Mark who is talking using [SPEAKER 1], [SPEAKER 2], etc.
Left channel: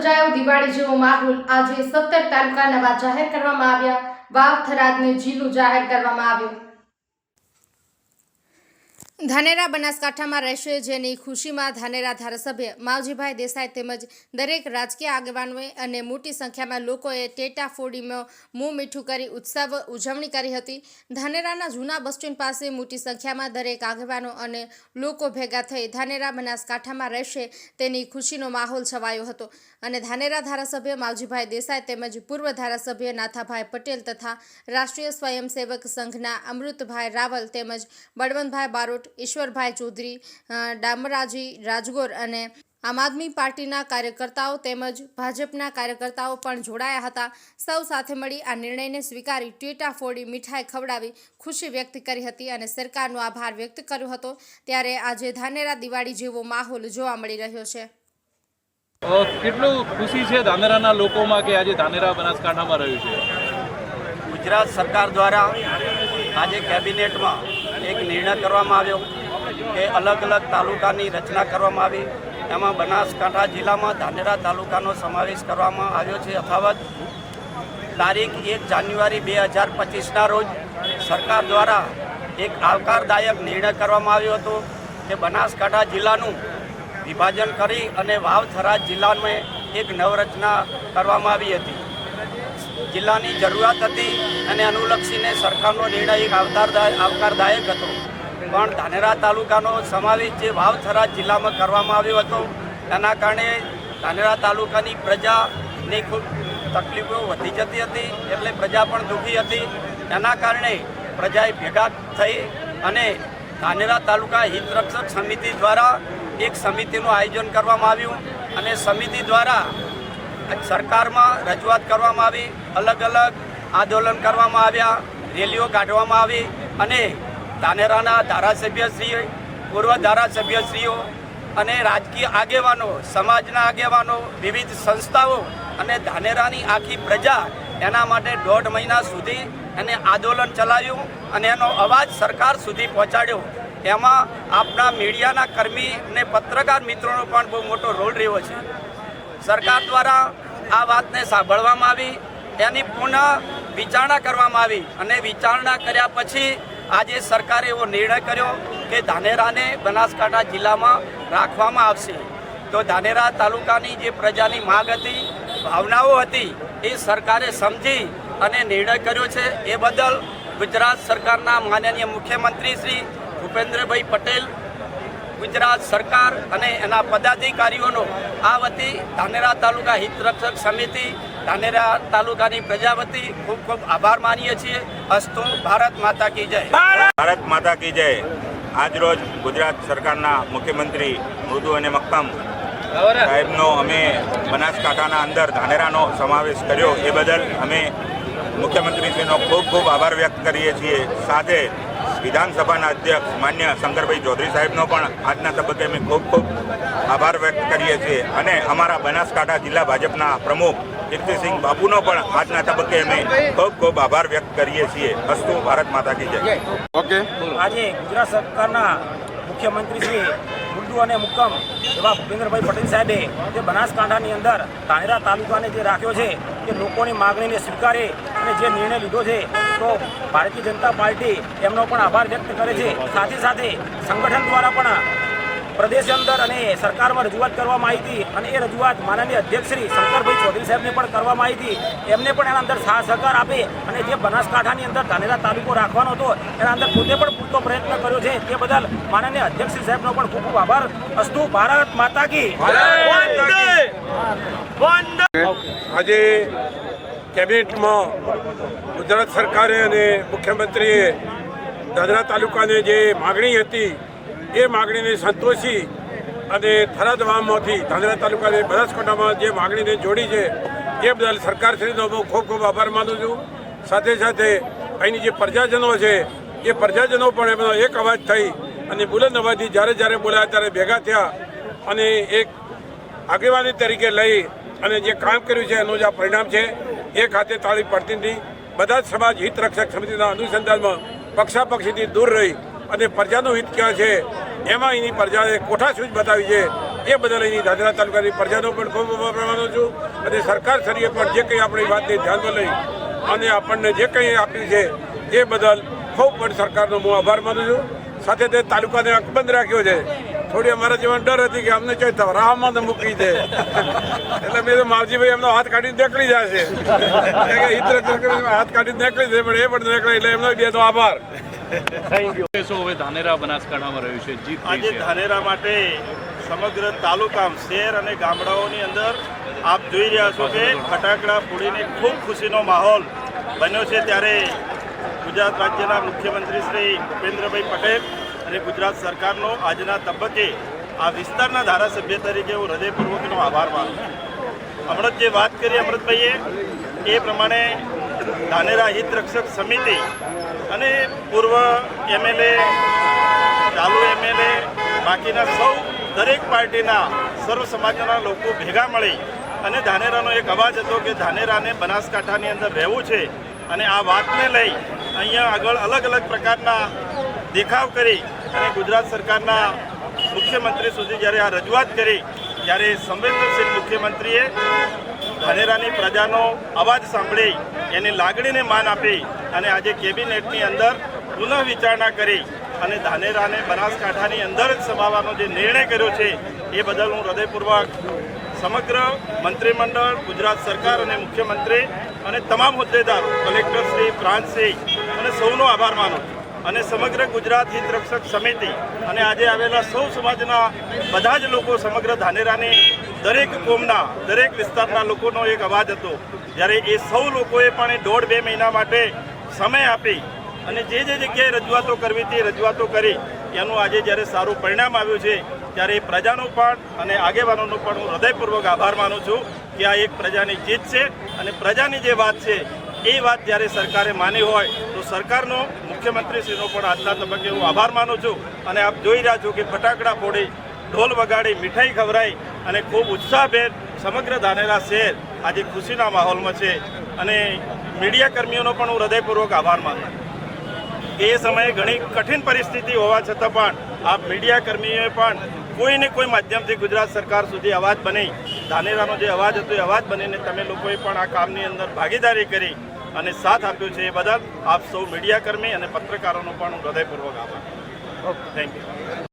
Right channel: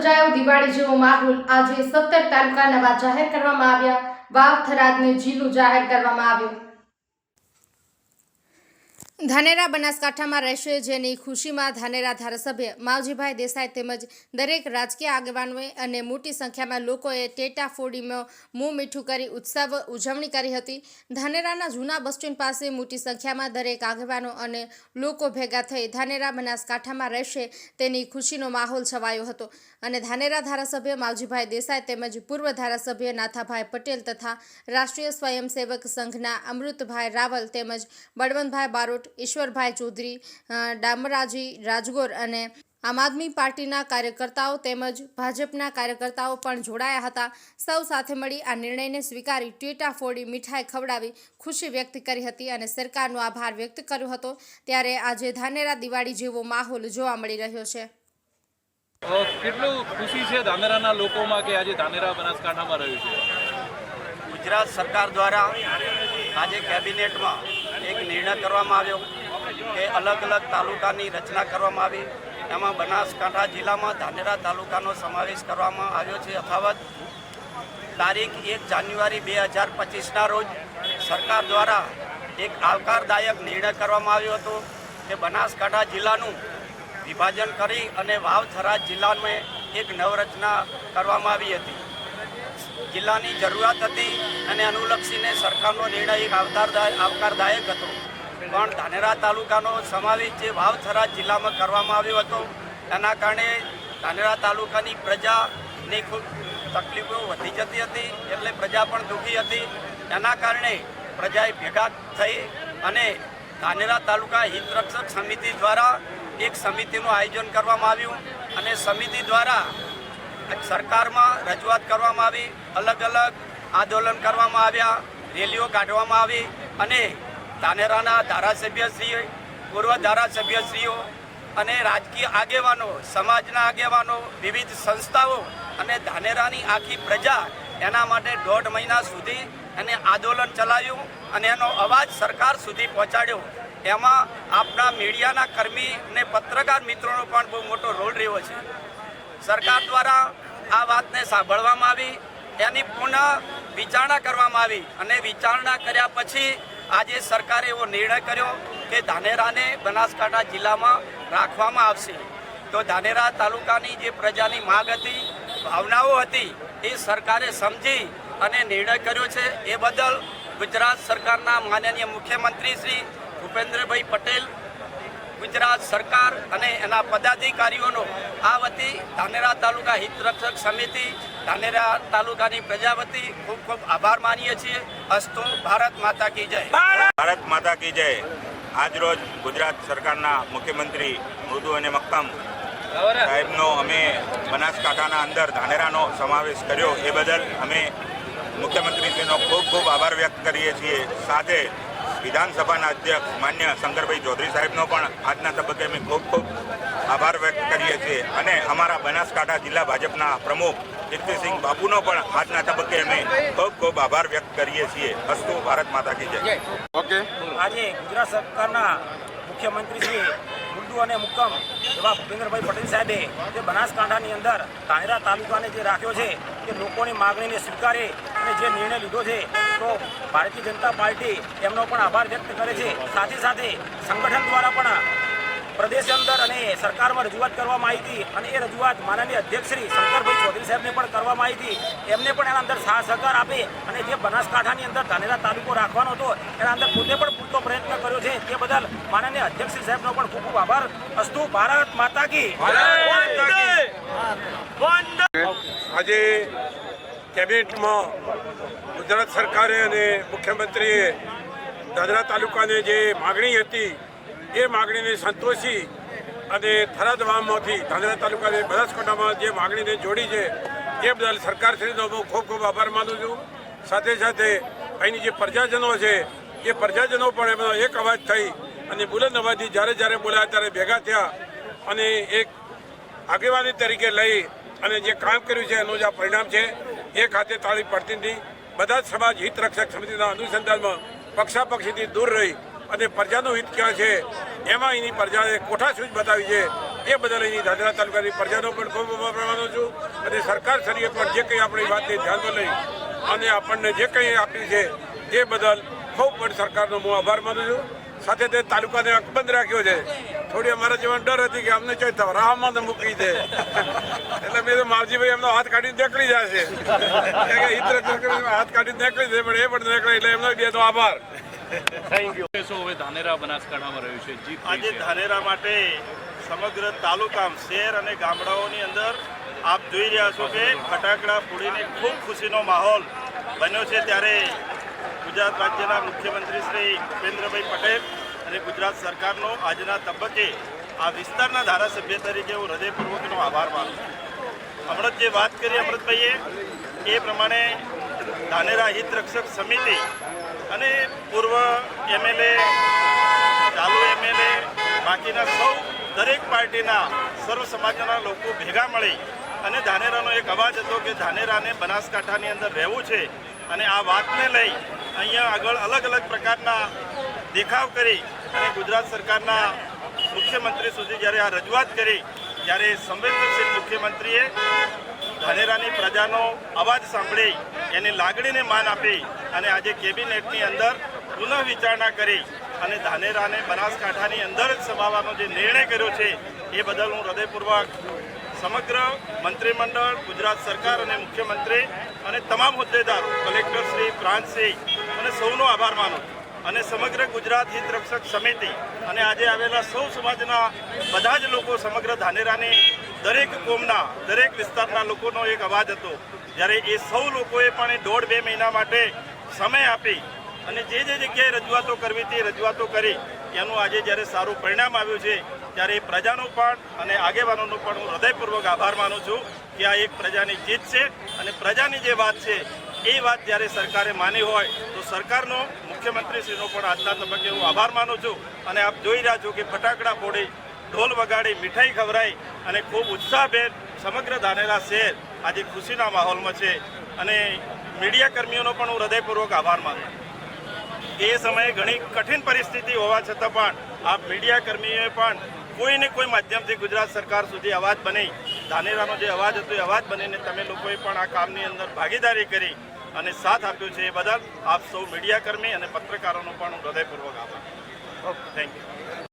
[SPEAKER 1] સર્જાયો દિવાળી જેવો માહોલ આજે સત્તર તાલુકા નવા જાહેર કરવામાં આવ્યા. વાવ થરાદને જિલ્લો જાહેર કરવામાં આવ્યો. ધાનેરા બનાસકાંઠામાં રહેશે જેની ખુશીમાં ધાનેરા ધારાસભ્ય માવજીભાઈ દેસાઈ તેમજ દરેક રાજકીય આગેવાનોએ અને મોટી સંખ્યામાં લોકોએ ટેટા ફોડીમાં મું મીઠું કરી ઉત્સવ ઉજવણી કરી હતી. ધાનેરાના જૂના બસ સ્ટેન્ડ પાસે મોટી સંખ્યામાં દરેક આગેવાનો અને લોકો ભેગા થઈ ધાનેરા બનાસકાંઠામાં રહેશે તેની ખુશીનો માહોલ છવાયો હતો. અને ધાનેરા ધારાસભ્ય માવજીભાઈ દેસાઈ તેમજ પૂર્વ ધારાસભ્ય નાથાભાઈ પટેલ તથા રાષ્ટ્રીય સ્વયંસેવક સંઘના અમૃતભાઈ રાવલ તેમજ બળવંતભાઈ બારોટ ઈશ્વરભાઈ ચૌધરી ડામરાજી રાજગોર અને આમ આદમી પાર્ટીના કાર્યકર્તાઓ તેમજ ભાજપના કાર્યકર્તાઓ પણ જોડાયા હતા. સૌ સાથે મળી આ નિર્ણયને સ્વીકારી ટેટા ફોડી મીઠાઈ ખવડાવી ખુશી વ્યક્ત કરી હતી અને સરકારનો આભાર વ્યક્ત કર્યો હતો. ત્યારે આજે ધાનેરા દિવાળી જેવો માહોલ જોવા મળી રહ્યો છે.
[SPEAKER 2] કેટલું ખુશી છે ધાનેરાના લોકોમાં કે આજે ધાનેરા બનાસકાંઠામાં રહ્યું છે?
[SPEAKER 3] ગુજરાત સરકાર દ્વારા આજે કેબિનેટમાં એક નિર્ણય કરવામાં આવ્યો કે અલગ અલગ તાલુકાની રચના કરવામાં આવી. એમાં બનાસકાંઠા જિલ્લામાં ધાનેરા તાલુકાનો સમાવેશ કરવામાં આવ્યો છે. યથાવત તારીખ એક જાન્યુઆરી બે હજાર પચીસના રોજ સરકાર દ્વારા એક આવકારદાયક નિર્ણય કરવામાં આવ્યો હતો કે બનાસકાંઠા જિલ્લાનું વિભાજન કરી અને વાવથરા જિલ્લાને એક નવરચના કરવામાં આવી હતી. જિલ્લાની જરૂરિયાત હતી અને અનુલક્ષીને સરકારનો નિર્ણય એક આવકારદાયક હતો. પણ ધાનેરા તાલુકાનો સમાવેશ જે વાવથરા જિલ્લામાં કરવામાં આવ્યો હતો એના કારણે ધાનેરા તાલુકાની પ્રજાની ખૂબ તકલીફો વધી જતી હતી, એટલે પ્રજા પણ દુઃખી હતી. એના કારણે પ્રજાએ ભેગા થઈ અને ધાનેરા તાલુકા હિતરક્ષક સમિતિ દ્વારા એક સમિતિનું આયોજન કરવામાં આવ્યું અને સમિતિ દ્વારા સરકારમાં રજૂઆત કરવામાં આવી, અલગ અલગ આંદોલન કરવામાં આવ્યા, રેલીઓ કાઢવામાં આવી અને ધાનેરાના ધારાસભ્યશ્રીઓ પૂર્વ ધારાસભ્યશ્રીઓ અને રાજકીય આગેવાનો, સમાજના આગેવાનો, વિવિધ સંસ્થાઓ અને ધાનેરાની આખી પ્રજા એના માટે દોઢ મહિના સુધી એને આંદોલન ચલાવ્યું અને એનો અવાજ સરકાર સુધી પહોંચાડ્યો. એમાં આપણા મીડિયાના કર્મી અને પત્રકાર મિત્રોનો પણ બહુ મોટો રોલ રહ્યો છે. સરકાર દ્વારા આ વાતને સાંભળવામાં આવી, એની પુનઃ વિચારણા કરવામાં આવી અને વિચારણા કર્યા પછી આજે સરકારે એવો નિર્ણય કર્યો કે ધાનેરાને બનાસકાંઠા જિલ્લામાં રાખવામાં આવશે. તો ધાનેરા તાલુકાની જે પ્રજાની માગ હતી, ભાવનાઓ હતી, એ સરકારે સમજી અને નિર્ણય કર્યો છે. એ બદલ ગુજરાત સરકારના માનનીય મુખ્યમંત્રી શ્રી ભૂપેન્દ્રભાઈ પટેલ ગુજરાત સરકાર અને એના પદાધિકારીઓનો આ વતી ધાનેરા તાલુકા હિતરક્ષક સમિતિ, ધાનેરા તાલુકાની પ્રજા વતી ખૂબ ખૂબ આભાર માનીએ છીએ. અસ્તુ ભારત માતા કી જય.
[SPEAKER 4] ભારત માતા કી જય. આજરોજ ગુજરાત સરકારના મુખ્યમંત્રી મૃદુ અને મક્કમ સાહેબનો અમે બનાસકાંઠાના અંદર ધાનેરાનો સમાવેશ કર્યો. એ બદલ અમે મુખ્યમંત્રીશ્રીનો ખૂબ ખૂબ આભાર વ્યક્ત કરીએ છીએ. સાથે વિધાનસભાના અધ્યક્ષ માન્ય શંકરભાઈ ચૌધરી સાહેબનો પણ આજના તબક્કે અમે ખૂબ ખૂબ આભાર વ્યક્ત કરીએ છીએ. અને અમારા બનાસકાંઠા જિલ્લા ભાજપના પ્રમુખ કીર્તિસિંહ બાપુનો પણ આજના તબક્કે અમે ખૂબ ખૂબ આભાર વ્યક્ત કરીએ છીએ. અસ્તુ ભારત માતા કી જય.
[SPEAKER 5] ઓકે.
[SPEAKER 6] આજે ગુજરાત સરકારના મુખ્યમંત્રી શ્રી ઉર્દુ અને મુક્કમ એવા ભૂપેન્દ્રભાઈ પટેલ સાહેબે જે બનાસકાંઠાની અંદર ધાનેરા તાલુકાને જે રાખ્યો છે કે લોકોની માગણીને સ્વીકારે અને જે નિર્ણય લીધો છે તો ભારતીય જનતા પાર્ટી એમનો પણ આભાર વ્યક્ત કરે છે. સાથે સાથે સંગઠન દ્વારા પણ પ્રદેશ અંદર અને સરકારમાં રજૂઆત કરવામાં આવી હતી અને એ રજૂઆત માનનીય અધ્યક્ષ શ્રી શંકરભાઈ ચૌધરી સાહેબને પણ કરવામાં આવી હતી. એમને પણ એના અંદર સાથ સહકાર આપે અને જે બનાસકાંઠાની અંદર ધાનેરા તાલુકો રાખવાનો હતો એના અંદર પોતે પણ પૂરતો પ્રયત્ન કર્યો છે. તે બદલ માનનીય અધ્યક્ષ શ્રી સાહેબનો પણ ખૂબ ખૂબ આભાર. અસ્તુ ભારત માતા કી.
[SPEAKER 5] આજે કેબિનેટમાં ગુજરાત સરકારે અને મુખ્યમંત્રીએ દાદરા તાલુકાને જે માગણી હતી, એ માગણીને સંતોષી અને થરાદ વાવમાંથી ધાંધરા તાલુકાને બનાસકાંઠામાં જે માગણીને જોડી છે, એ બદલ સરકારશ્રીનો હું ખૂબ ખૂબ આભાર માનું છું. સાથે સાથે અહીંની જે પ્રજાજનો છે, એ પ્રજાજનો પણ એમનો એક અવાજ થઈ અને બુલંદ અવાજથી જ્યારે જ્યારે બોલાયા ત્યારે ભેગા થયા અને એક આગેવાની તરીકે લઈ અને જે કામ કર્યું છે, એનું જ આ પરિણામ છે. એ ખાતે તાળી પડતી નથી બધા જ સમાજ હિત રક્ષક સમિતિના અનુસંધાનમાં પક્ષાપક્ષીથી દૂર રહી અને પ્રજાનું હિત ક્યાં છે, એમાં એની પ્રજાએ કોઠાસૂઝ બતાવી છે, એ બદલ એની દાદરા તાલુકાની પ્રજાનો પણ ખૂબ માનું છું. અને સરકાર શ્રીએ પણ જે કંઈ આપણી વાતને ધ્યાનમાં લઈ અને આપણને જે કંઈ આપ્યું છે, એ બદલ ખૂબ પણ સરકારનો હું આભાર માનું છું. સાથે તે તાલુકાને અકબંધ રાખ્યો છે. થોડી અમારા જીવન ડર હતી કે અમને ચોઈ રાહમાં તો મૂકી દે. એટલે મેં તો માવજીભાઈ એમનો હાથ કાઢીને નીકળી જાય છે હાથ કાઢીને નીકળી જાય પણ એ પણ નીકળે એટલે એમનો બેનો આભાર.
[SPEAKER 2] શું હવે ધાનેરા બનાસકાંઠામાં રહ્યું છે? જીત
[SPEAKER 7] આજે ધાનેરા માટે સમગ્ર તાલુકા શહેર અને ગામડાઓની અંદર આપ જોઈ રહ્યા છો કે ફટાકડા ફોડીને ખૂબ ખુશીનો માહોલ બન્યો છે. ત્યારે ગુજરાત રાજ્યના મુખ્યમંત્રી શ્રી ભૂપેન્દ્રભાઈ પટેલ અને ગુજરાત સરકારનો આજના તબક્કે આ વિસ્તારના ધારાસભ્ય તરીકે હું હૃદયપૂર્વકનો આભાર માનું છું. હમણાં જ વાત કરી, અમૃતભાઈએ, એ પ્રમાણે ધાનેરા હિત રક્ષક સમિતિ અને પૂર્વ એમએલએ, ચાલુ એમએલએ, બાકીના સૌ દરેક પાર્ટીના સર્વ સમાજના લોકો ભેગા મળી અને ધાનેરાનો એક અવાજ હતો કે ધાનેરાને બનાસકાંઠાની અંદર રહેવું છે અને આ વાતને લઈ અહીંયા આગળ અલગ અલગ પ્રકારના દેખાવ કરી અને ગુજરાત સરકારના મુખ્યમંત્રી સુધી જ્યારે આ રજૂઆત કરી, ત્યારે સંવેદનશીલ મુખ્યમંત્રીએ ધાનેરાની પ્રજાનો અવાજ સાંભળી, એની લાગણીને માન આપી અને આજે કેબિનેટની અંદર પુનઃ વિચારણા કરી અને ધાનેરાને બનાસકાંઠાની અંદર જ સમાવવાનો જે નિર્ણય કર્યો છે, એ બદલ હું હૃદયપૂર્વક સમગ્ર મંત્રીમંડળ, ગુજરાત સરકાર અને મુખ્યમંત્રી અને તમામ હોદ્દેદારો કલેક્ટરશ્રી પ્રાંતસિંહ અને સૌનો આભાર માનું છું. અને સમગ્ર ગુજરાત હિત સમિતિ અને આજે આવેલા સૌ સમાજના બધા જ લોકો સમગ્ર ધાનેરાની દરેક કોમના, દરેક વિસ્તારના લોકોનો એક અવાજ હતો. જ્યારે એ સૌ લોકોએ પણ દોઢ બે મહિના માટે સમય આપી અને જે જે જગ્યાએ રજૂઆતો કરવી હતી રજૂઆતો કરી. એનું આજે જ્યારે સારું પરિણામ આવ્યું છે, ત્યારે એ પ્રજાનો પણ અને આગેવાનોનો પણ હું હૃદયપૂર્વક આભાર માનું છું કે આ એક પ્રજાની જીત છે અને પ્રજાની જે વાત છે એ વાત જ્યારે સરકારે માની હોય, તો સરકારનો, મુખ્યમંત્રીશ્રીનો પણ આજના તબક્કે હું આભાર માનું છું. અને આપ જોઈ રહ્યા છો કે ફટાકડા ફોડી, ઢોલ વગાડી, મીઠાઈ ખવડાઈ અને ખૂબ ઉત્સાહભેર સમગ્ર ધાનેરા શહેર આજે ખુશીના માહોલમાં છે. અને મીડિયા કર્મીઓનો પણ હું હૃદયપૂર્વક આભાર માનું એ સમયે ઘણી કઠિન પરિસ્થિતિ હોવા છતાં પણ આ મીડિયા કર્મીઓએ પણ કોઈને કોઈ માધ્યમથી ગુજરાત સરકાર સુધી અવાજ બની. ધાનેરાનો જે અવાજ હતો એ અવાજ બનીને તમે લોકોએ પણ આ કામની અંદર ભાગીદારી કરી. અને સાથ આપ્યો છે એ બદલ આપ સૌ મીડિયા કર્મી અને પત્રકારોનો પણ હું હૃદયપૂર્વક આભાર. Thank you